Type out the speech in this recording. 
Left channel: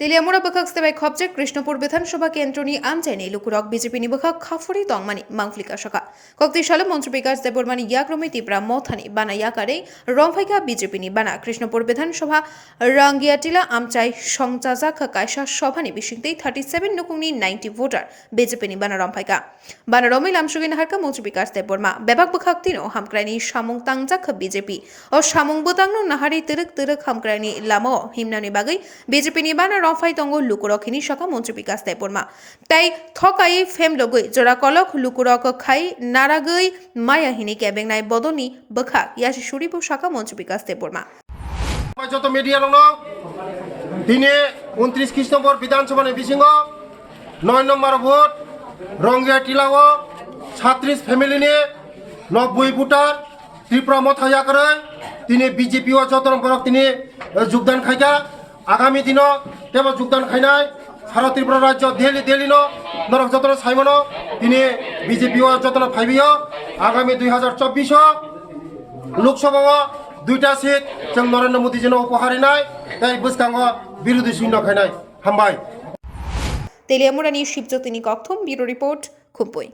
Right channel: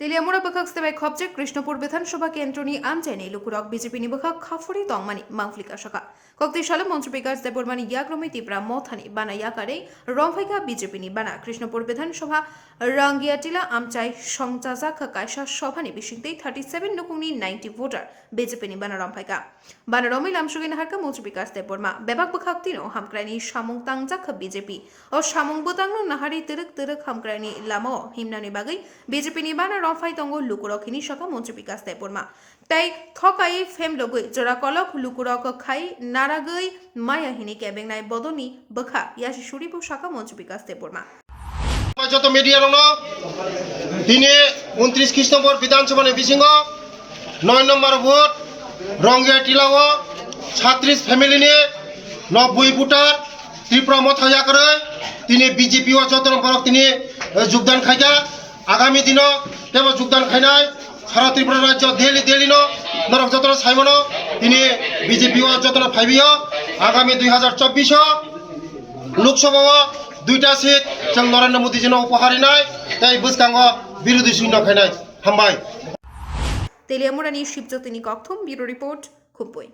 তেলিয়ামুড়া বখাক স্তেবাই খবজে কৃষ্ণপুর বিধানসভা কেন্দ্রনি আমচাইনি লুকুরক BJP নিবখাক Khafre তংমানি মাংফলিকা শাখা কক্তি সালে মন্ত্রী বিকাশ দেববর্মানি ইয়াগ্রমে তিব্রা মথানি বানা ইয়াকারে রংফাইকা বিজেপি নি বানা কৃষ্ণপুর বিধানসভা রাঙ্গিয়াটিলা আমচাই সংচাজাক কায়সা সভানি বিশিংতেই 37 নুকুংনি 90 ভোটার বিজেপি নি বানা রংফাইকা বানা রমিল আমসুগিন হারকা মন্ত্রী বিকাশ দেববর্মা বেবাক বখাক তিনো হামক্রাইনি সামং তাংজাক বিজেপি ও সামং বুতাংনো নাহারি তিরক তিরক হামক্রাইনি লামো হিমনানি বাগৈ বিজেপি নি বানা রফাই তঙ্গ লুকুরকিনী শাখা মন্ত্রী বিকাশ দেববর্মা তাই থকাই ফেম লগৈ জোড়া কলক লুকুরক খাই নারাগৈ মায়াহিনী কেবেংনাই বদনি বখা ইয়াসি সুরিবু শাখা মন্ত্রী বিকাশ দেববর্মা যত মিডিয়া রং দিনে 29 কৃষ্ণপুর বিধানসভা বিশিং 9 নম্বর ভোট রঙ্গিয়া টিলাও 36 ফ্যামিলি নিয়ে 90 ভোটার ত্রিপুরা মথাইয়া করে তিনি বিজেপি ও যত নম্বর তিনি যোগদান খাইকা আগামী দিন তেমন যোগদান খাইনায় সারা ত্রিপুরা রাজ্য দিল্লি নরক যতন সাইমন তিনি বিজেপি ও যতন ফাইবিও আগামী 2024 লোকসভা দুইটা সিট जों नरेन्द्र मोदीजी उपहार होनाय তাই বসকাঙ্গ বিরোধী শূন্য খাইনায় হামবাই তেলিয়ামুড়ানি শিবজ্যোতিনী কক্থম ব্যুরো রিপোর্ট খুবই।